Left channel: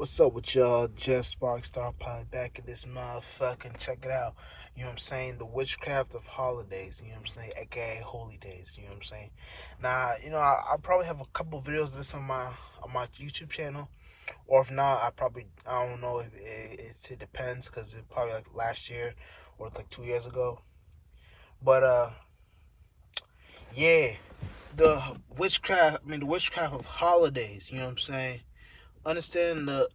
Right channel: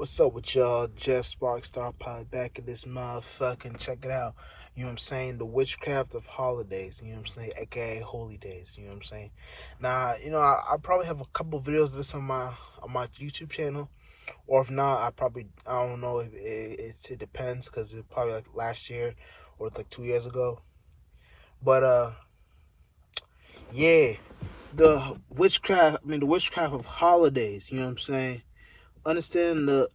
What's up with y'all? Just Sparkstar Pod back in this motherfucking check it out. You know what I'm saying? The witchcraft of holidays, you know what I'm saying? AKA Holydays, you know what I'm saying? Now, I probably have a couple videos of this on my YouTube channel. Or if not, I don't know if it depends because it's probably like last year or like 2 years ago. But yeah, the witchcraft of holidays, you know what I'm saying? Understand the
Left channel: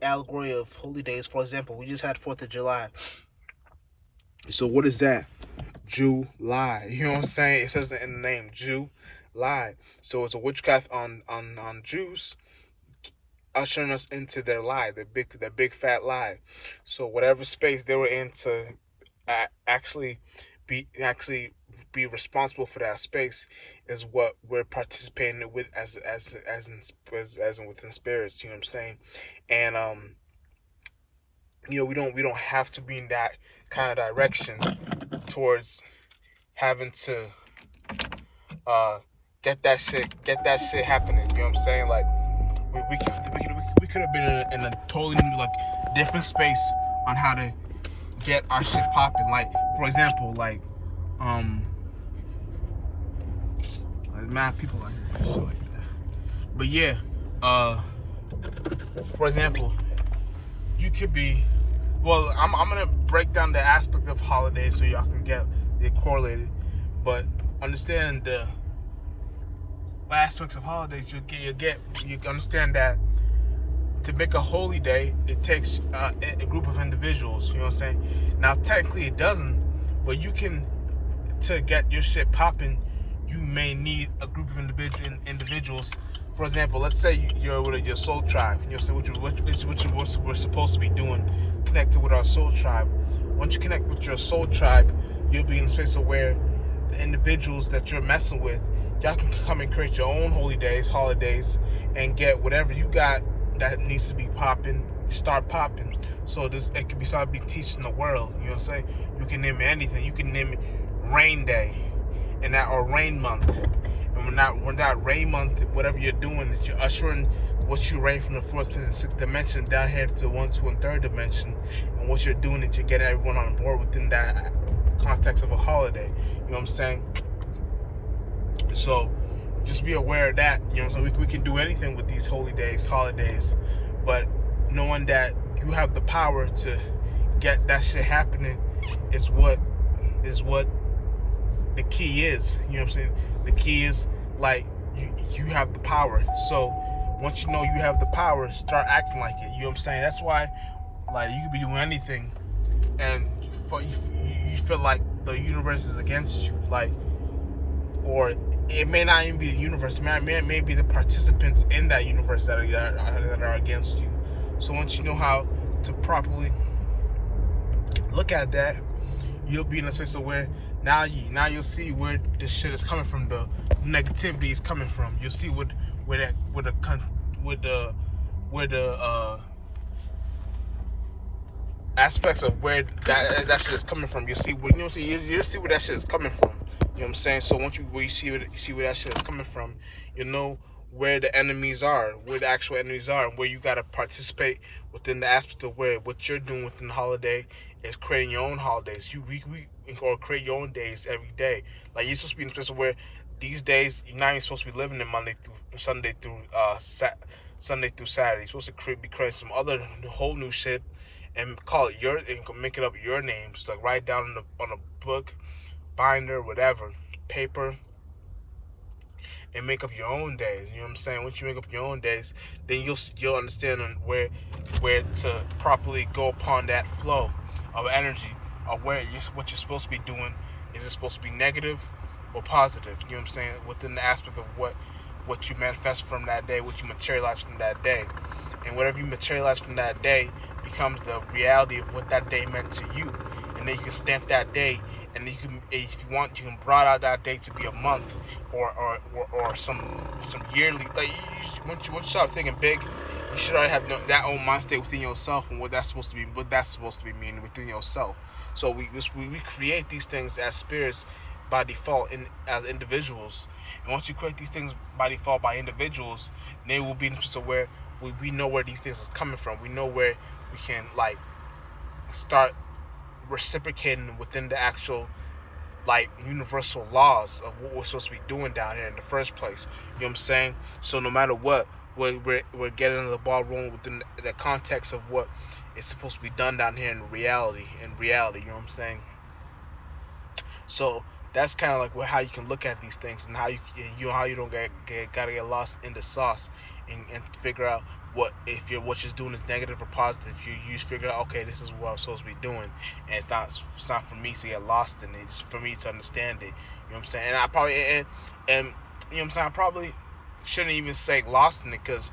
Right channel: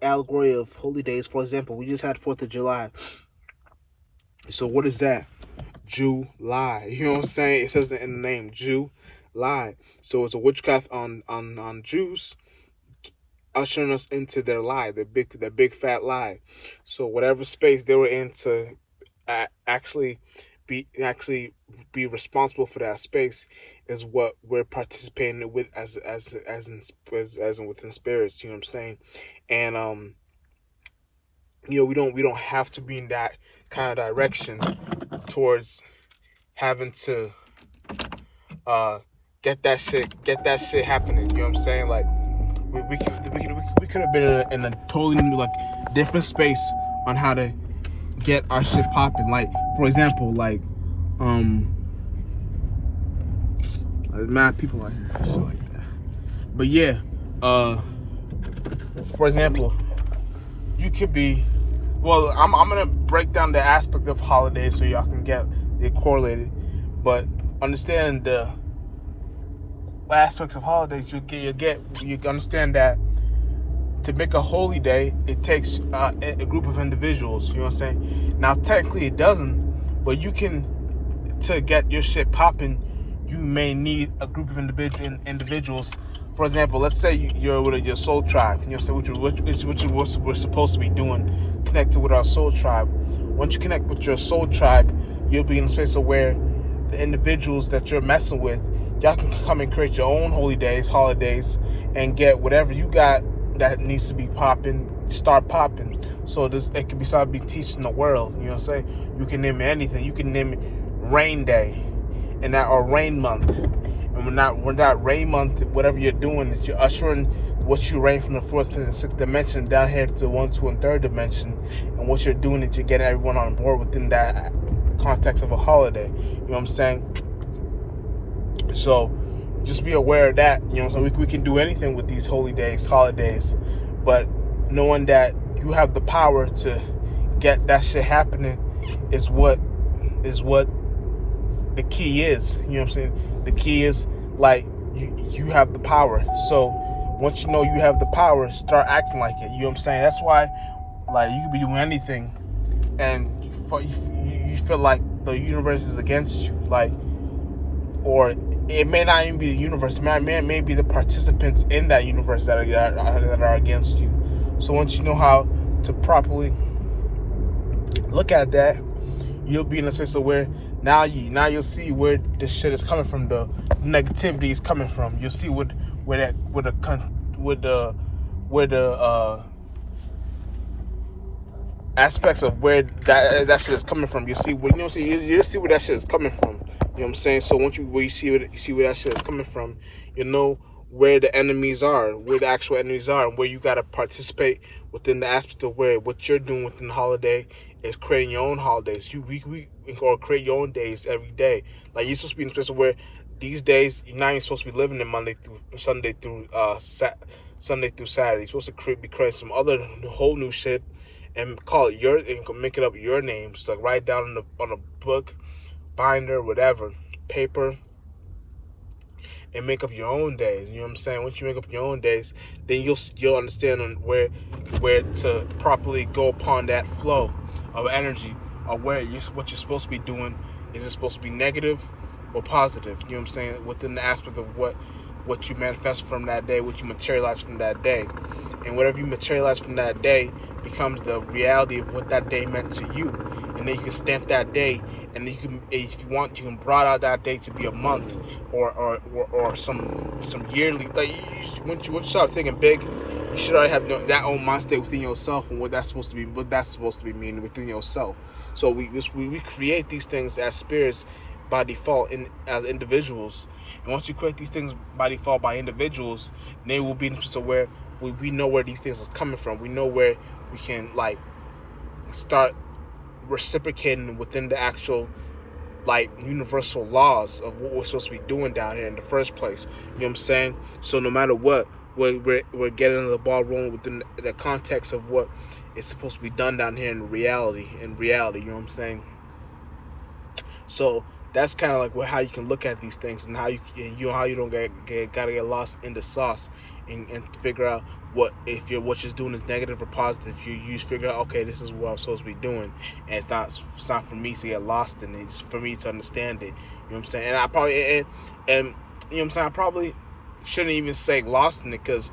allegory of holy days. For example, we just had 4th of July. So what is that? July. You know what I'm saying? It says in the name, July. So it's a witchcraft on Jews, ushering us into their lie, their big fat lie. So whatever space they were in to actually be responsible for that space is what we're participating with as in within spirits. You know what I'm saying? And we don't have to be in that kind of direction towards having to get that shit happening. You know what I'm saying? Like we could have been in a totally new, like, different space on how to get our shit popping. Like, for example, like there's mad people out here, shit like that. But yeah, for example, you could be. Well, I'm gonna break down the aspect of holidays so y'all can get it correlated. But understand the aspects of holidays. You understand that to make a holy day, it takes a group of individuals. You know what I'm saying? Now, technically, it doesn't, but to get your shit popping, you may need a group of individuals. For example, let's say you're with your soul tribe. You know what I'm saying? Which is what we're supposed to be doing, connected with our soul tribe. Once you connect with your soul tribe, you'll be in a space of where the individuals that you're messing with, y'all can come and create your own holidays, and get whatever you got that needs to be popping, start popping. So it can be started be teaching the world. You know what I'm saying? You can name it anything. You can name it Rain Day, or Rain Month. And when that rain month, whatever you're doing, is you're ushering what you rain from the 4th and 6th dimension down here to 1, 2, and 3rd dimension. And what you're doing is you're getting everyone on board within that context of a holiday. You know what I'm saying? So just be aware of that. You know, so we can do anything with these holidays, but knowing that you have the power to get that shit happening is what the key is. You know what I'm saying? The key is, like, you have the power. So once you know you have the power, start acting like it. You know what I'm saying? That's why, like, you could be doing anything and you feel like the universe is against you, like, or it may not even be the universe. It may be the participants in that universe that are against you. So once you know how to properly look at that, you'll be in a space of where now you'll see where this shit is coming from. The negativity is coming from. You'll see where the aspects of where that shit is coming from. You see you see where that shit is coming from. You know what I'm saying? So once you see where that shit is coming from, you know where the enemies are, where the actual enemies are, and where you gotta participate within the aspect of where what you're doing within the holiday is creating your own holidays. Or create your own days every day. Like, you're supposed to be in a place where these days you're not even supposed to be living in Sunday through Saturday. You're supposed to be creating some other whole new shit and make it up your names. Like, write down on a book, binder, whatever, paper, and make up your own days. You know what I'm saying? Once you make up your own days, then you'll understand on where to properly go upon that flow of energy, or what you're supposed to be doing. Is it supposed to be negative or positive? You know what I'm saying? Within the aspect of what you manifest from that day, what you materialize from that day. And whatever you materialize from that day becomes the reality of what that day meant to you. And then you can stamp that day, and then if you want, you can broad out that day to be a month or some yearly. Like, once you start thinking big, you should already have that own mind state within yourself and what that's supposed to be meaning within yourself. So we create these things as spirits by default as individuals. And once you create these things by default by individuals, they will be in a place where we know where these things is coming from. We know where we can like start reciprocating within the actual like universal laws of what we're supposed to be doing down here in the first place. You know what I'm saying? So no matter what, we're getting the ball rolling within the context of what is supposed to be done down here in reality. In reality, you know what I'm saying? So that's kind of like how you can look at these things, and how you don't gotta get lost in the sauce, and figure out what if what you're doing is negative or positive. You figure out, okay, this is what I'm supposed to be doing, and it's not for me to get lost in it. It's for me to understand it. You know what I'm saying? And I probably and you know what I'm saying. I probably shouldn't even say lost in it, because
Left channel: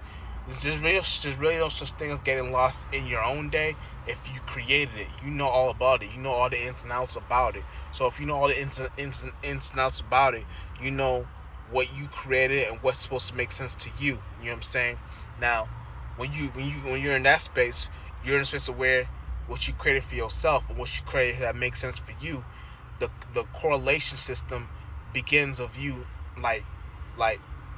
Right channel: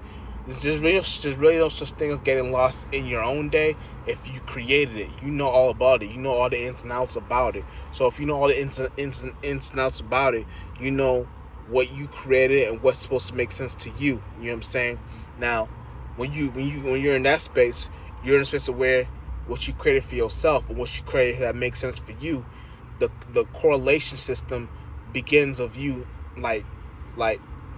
there's really no such thing as getting lost in your own day. If you created it, you know all about it. You know all the ins and outs about it. So if you know all the ins and outs about it, you know what you created and what's supposed to make sense to you. You know what I'm saying? Now, when you're in that space, you're in a space of where what you created for yourself and what you created that makes sense for you, the correlation system begins of you like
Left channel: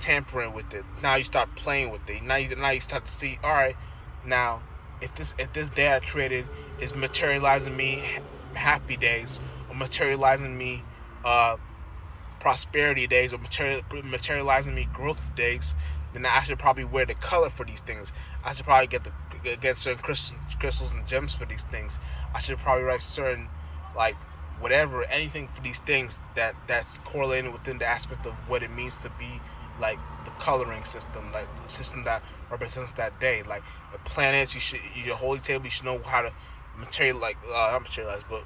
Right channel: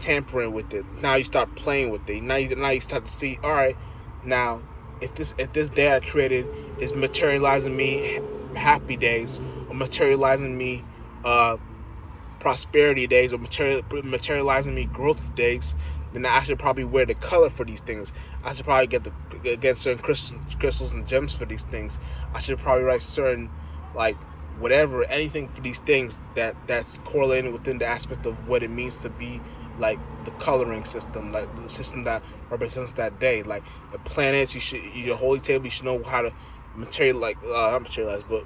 tampering with it. Now you start playing with it. Now you start to see, all right, now if this day I created is materializing me happy days, or materializing me prosperity days, or materializing me growth days, then I should probably wear the color for these things. I should probably get certain crystals and gems for these things. I should probably write certain like whatever, anything for these things that's correlated within the aspect of what it means to be like the coloring system, like the system that represents that day. Like the planets, your holy table, you should know how to not materialize, but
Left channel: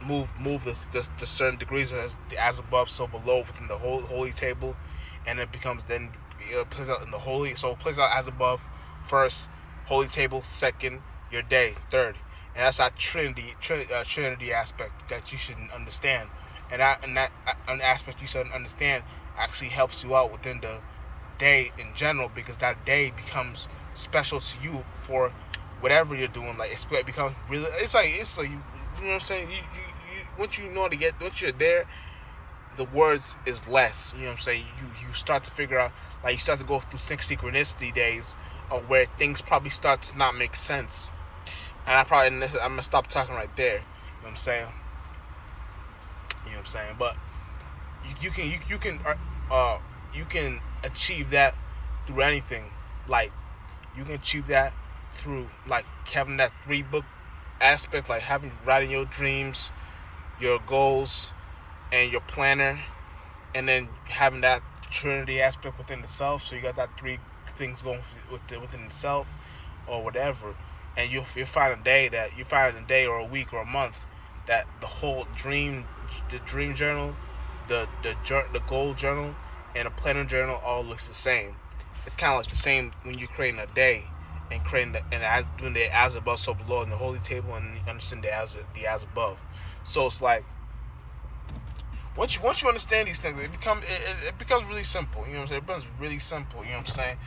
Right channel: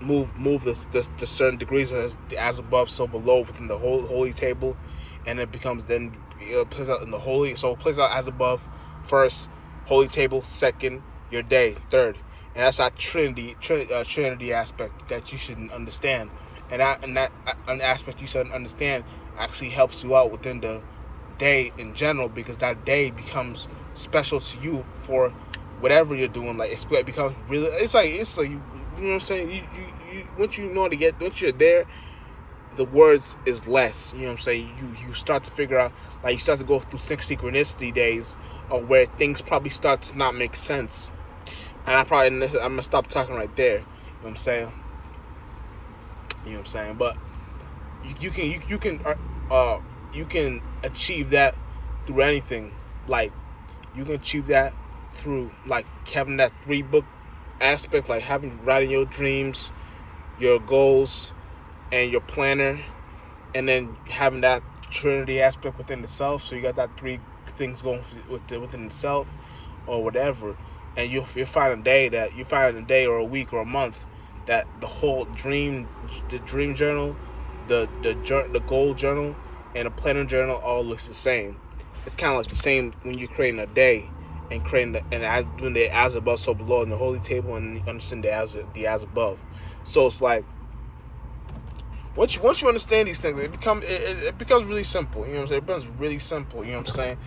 move the certain degrees as above, so below within the whole holy table, and it becomes then it plays out in the holy. So it plays out as above, first holy table, second your day, third, and that's that Trinity aspect that you should understand. And that an aspect you should understand actually helps you out within the day in general, because that day becomes special to you for whatever you're doing. Like it becomes really, it's like you know what I'm saying. You once you know once you're there, the words is less. You know what I'm saying. You start to figure out, like you start to go through synchronicity days, where things probably start to not make sense. And I'm gonna stop talking right there. You know what I'm saying. You know what I'm saying? But you can achieve that through anything. Like you can achieve that through like having that 3-book aspect, like writing your dreams, your goals, and your planner, and then having that Trinity aspect within the self. So you got that 3 things going within the self, or whatever. And you find a day or a week or a month that the whole dream journal, the goal journal, and a planner journal all looks the same. It's kind of like the same when you're creating a day and doing the as above so below in the holy table, and you understand the as above. So it's like once you understand these things, it becomes really simple. You know what I'm saying? It becomes really simple. You know what I'm saying?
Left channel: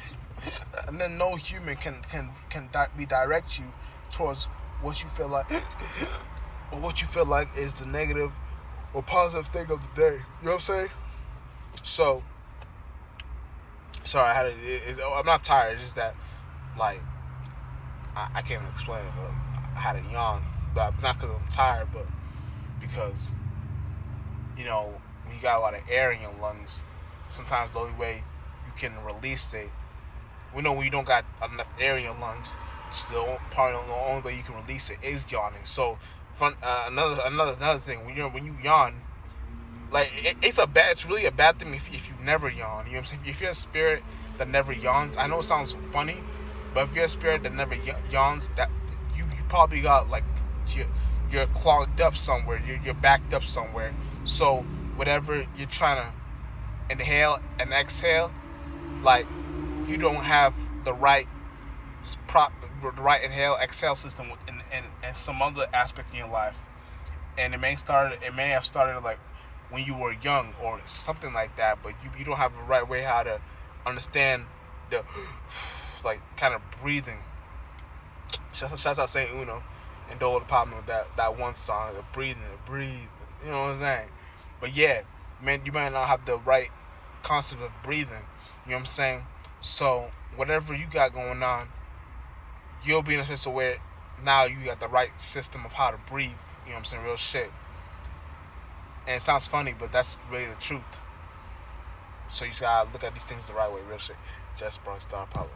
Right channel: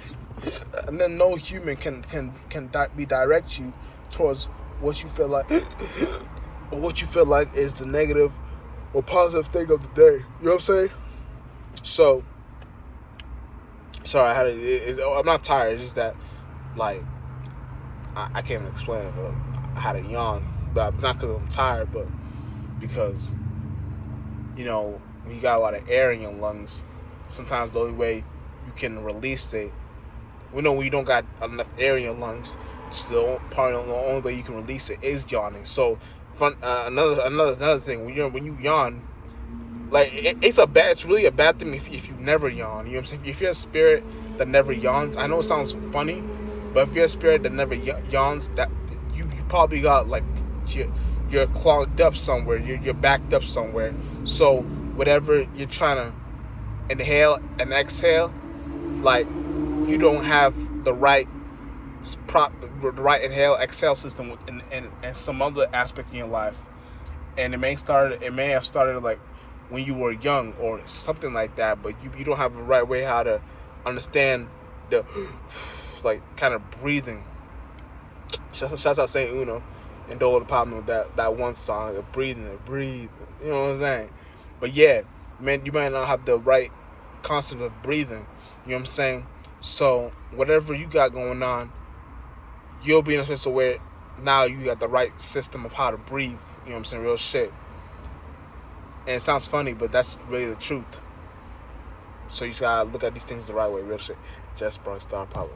And then no human can redirect you towards what you feel like. Or what you feel like is the negative or positive thing of the day. You know what I'm saying? So, sorry, I'm not tired. It's just that, like, I can't even explain it, but I had a yawn. But not because I'm tired, but because, you know, when you got a lot of air in your lungs, sometimes the only way you can release it, when you don't got enough air in your lungs, it's the only way you can release it is yawning. So, another thing, when you yawn, like it's really a bad thing if you never yawn. You know what I'm saying? If you're a spirit that never yawns, I know it sounds funny, but if you're a spirit that never yawns, that you probably got like you're clogged up somewhere, you're backed up somewhere. So whatever you're trying to inhale and exhale, like you don't have the right inhale exhale system in some other aspect in your life, and it may have started like when you were young or something like that, but you don't have the right way how to understand the like kind of breathing. Shout out Saint Uno and Dole the Problem with that one song, the breathe, you know what I'm saying? But yeah, man, you might not have the right concept of breathing. You know what I'm saying? So whatever you got going on, you'll be in a place where now you got the right system of how to breathe. You know what I'm saying? Real shit. And it sounds funny, but that's really the truth. So you just gotta look at these things the right way. Real shit. Just Spark Star Power.